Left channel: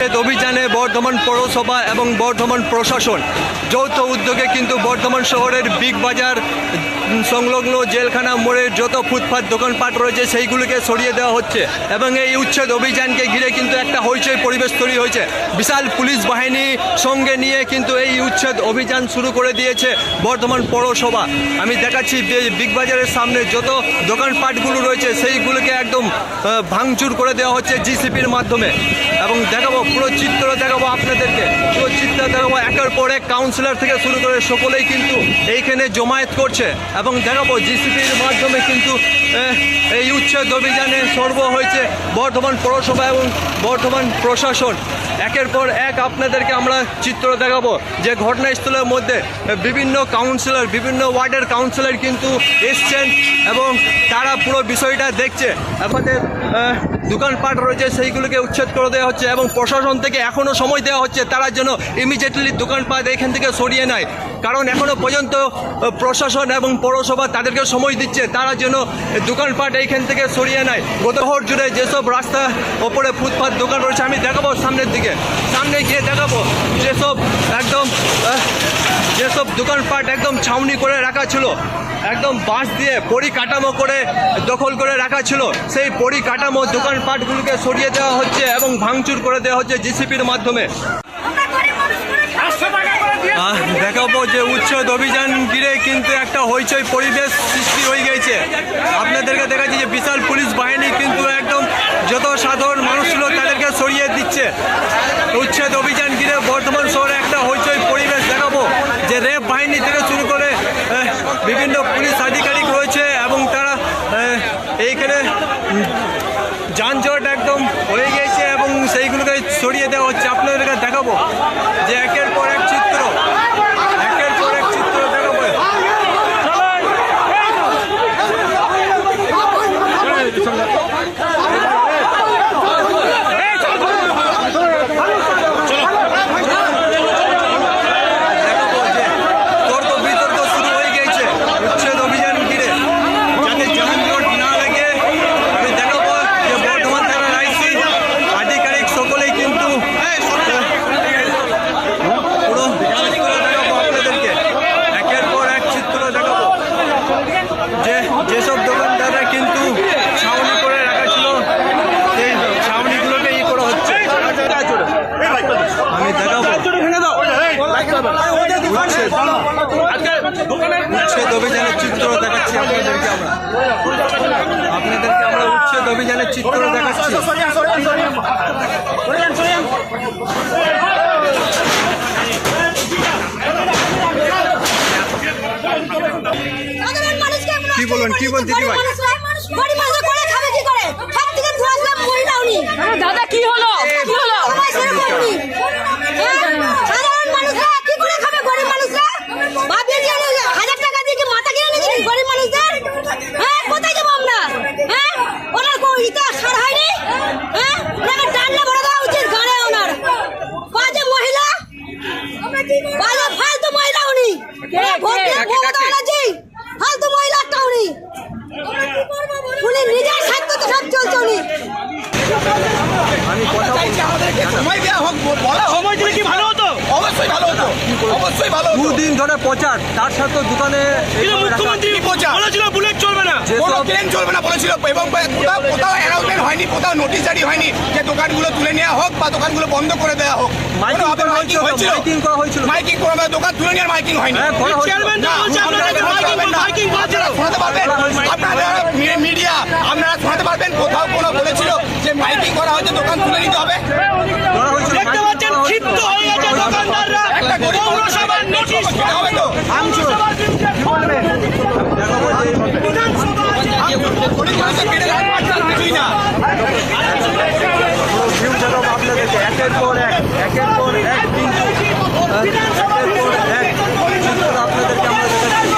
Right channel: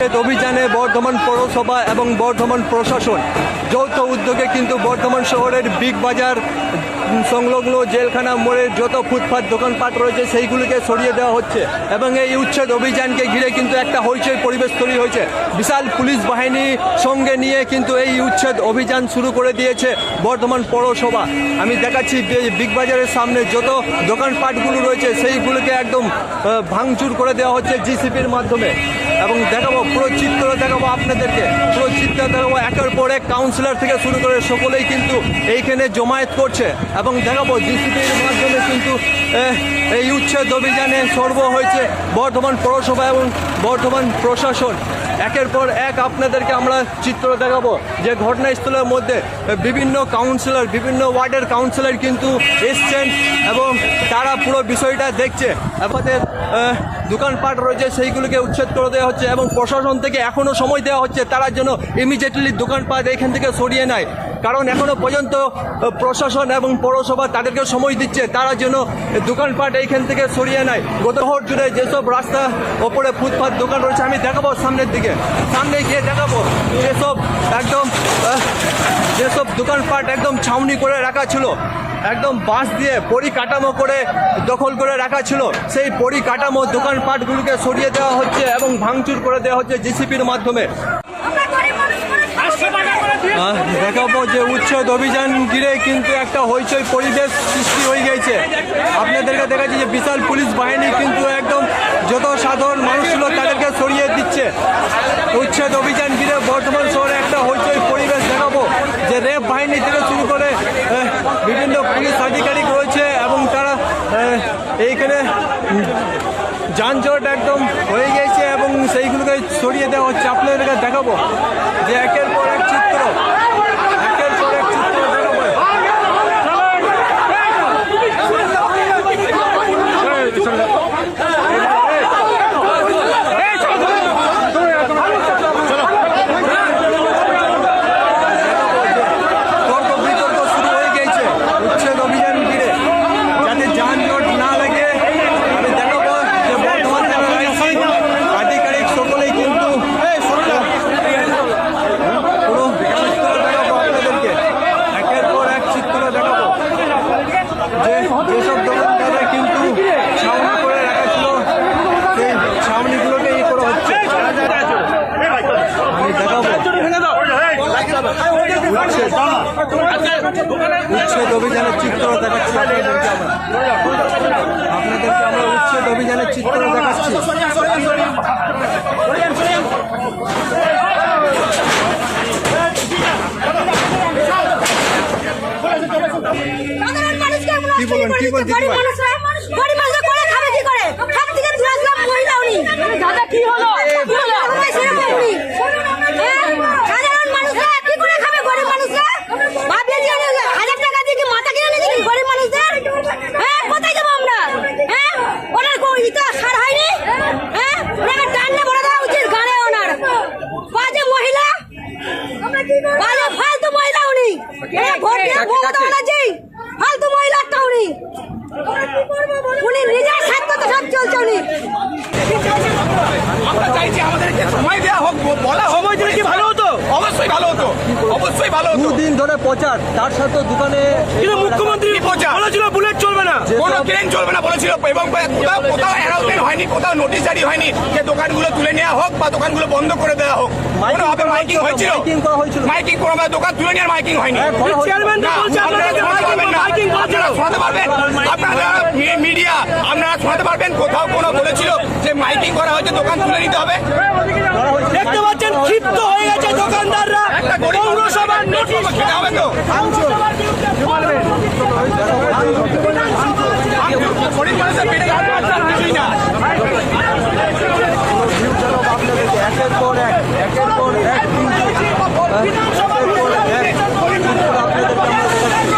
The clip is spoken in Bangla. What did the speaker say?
অভিযানে বর্ধমান পৌরসভা এবং বর্ধমান প্রশাসন যৌথ উদ্যোগে কিন্তু বর্ধমান শহরের বিগ বাজার সংলগ্ন জেলখানা মোড়ে যত ফুটপাত দোকানপাট রয়েছে সেইগুলিকে সরিয়ে দেওয়া হচ্ছে এবং এই উচ্ছেদ অভিযানকে ঘিরে কিন্তু একটা হইচই পরিবেশ তৈরি হয়েছে। বিশাল পুলিশ বাহিনী সঙ্গে নিয়ে কিন্তু এই উচ্ছেদ অভিযান শুরু করে দিয়েছে বর্ধমান পৌরসভা। আমি দেখাচ্ছি বিগ বাজারের সামনে যত দোকানপাটগুলো রয়েছে সেইগুলোকে একদম ভাঙচুর করে দেওয়া হচ্ছে জিসিপির মাধ্যমে এবং দেখাবো পুরো চিত্র দেখাবো আপনাদেরকে, পুরো চিত্র দেখাবো। একের পর এক কাউন্সিলর থেকে শুরু করে সকলেই কিন্তু এইখানে জমায়েত করছে এবং দেখাবো জিসিপির মাধ্যমে কিন্তু এই উচ্ছেদ অভিযানে সর্ব হয়েছে বর্ধমান পৌরসভা এবং বর্ধমান প্রশাসন। একের পর এক আপনাদেরকে আমরা চিত্র দেখাবো যে ঘটনাস্থলের মধ্যে বিভিন্ন কাউন্সিলর, বিভিন্ন ওয়ার্ডের কাউন্সিলর কিন্তু এসছেন এবং তারা পুরো বিষয়টা দেখছে। আমাদের দোকানপাট রয়েছে সেইগুলোকে উচ্ছেদ করে দেওয়া হচ্ছে এবং প্রশাসন থেকে এখনও সময় দেওয়া হচ্ছে তারা যেন ইমিডিয়েটলি দোকানপাট এখান থেকে সরিয়ে নেয়, কারণ এখনও পর্যন্ত প্রশাসন এবং পৌরসভা তাদেরকে সময় দিচ্ছে তারা যেন দোকানপাট এইখান থেকে সরিয়ে নেয়। গত শহর জুড়ে যেসব রাস্তা ওপরে ফুটপাত দোকান রয়েছে আমি দেখাবো সামনের দিকে, সামনে গিয়ে দেখাবো যেসব দোকানপাট একদম ছাউনি করে রাখা ছিল, একদম বাঁশ দিয়ে পরিকাঠামো করে দখল করে রাখা ছিল, সেই পরিকাঠামো দোকানপাটগুলোকে সরিয়ে দেওয়া হচ্ছে এবং ভাঙচুর করে দেওয়া হচ্ছে জিসিপির মাধ্যমে। দেখাবো যে উচ্ছেদ অভিযান ঘিরে কিন্তু একটা হইচই পরিবেশ সৃষ্টি হয়ে গেছে। আপনাদেরকে দেখাচ্ছি যে বিশাল পুলিশ বাহিনী কিন্তু একদম যত সাধারণ মানুষ ছিল তাদেরকে সরিয়ে দিচ্ছে। উচ্ছেদ অভিযান ঘিরে বর্ধমান শহরে একটা হইচই পরিবেশ দেখাবো যে র্যাব বাহিনী থেকে শুরু করে বিভিন্ন পুলিশ আধিকারিক রয়েছে এবং তারা এইখানে যানজট একদম হয়ে গেছে এবং সেইগুলোকে সরিয়ে দেওয়া হচ্ছে। আপনাদেরকে দেখাবো যে একের পর এক চিত্র দেখাবো। তর্ক বিতর্ক শুরু হয়ে গেছে উচ্ছেদ অভিযান ঘিরে, যাতে যানজট না লাগে আমি দেখাবো যে বর্ধমান থানার আইসি আধিকারিক সকলেই কিন্তু পুরো চিত্র দেখাবো আপনাদেরকে, একের পর এক চিত্র দেখাবো যে যেসব দোকানদাররা কিন্তু ছাউনি করে রাখা ছিল সেই ছাউনিগুলোকে করা হচ্ছে। আমি দেখাবো উচ্ছেদ অভিযানের চিত্র দেখাচ্ছি আপনাদেরকে আমরা উচ্ছেদ অভিযানের চিত্র দেখাচ্ছি। কি বলুন দিদি ভাই? দাদা কি হলো? ফালতু মহিলা একটা উনি নিজের স্বার্থ তো সব চলছে। উনি আমাদেরকে সময় দেওয়া হোক, বলা হোক, ভালো হতো, অবশ্যই ভালো হতো, অবশ্যই ভালো হতো। দুদিন ধরে প্রচার, তার সাথে দোকানে বুলেট চলবে না, কোনো ট্রেন চলবে না বলেছিল এবং কোথাও অ্যানাউন্সমেন্ট হয়নি, কোথাও নোটিশ জারি হয়নি যে দোকানগুলো তুলে নেওয়া হোক বা দোকানগুলো বন্ধ করে দেওয়া হোক। মাইকিং হয়েছিল, মাইকিং করা দোকান তুলে নেওয়ার মাইকিং হয়নি। আপনারা মিডিয়া আপনারা শোনাতে পারবেন কোথাও কোনো বলেছিল যে মাইকিং করা হয়েছে দোকান তুলে নিতে হবে? একটা গরিব খেতে হবে তো, গরিব মানুষের পেটে কিছুই না। আপনাদেরকে একের পর এক কিন্তু আপনাদেরকে আমরা দেখাচ্ছি।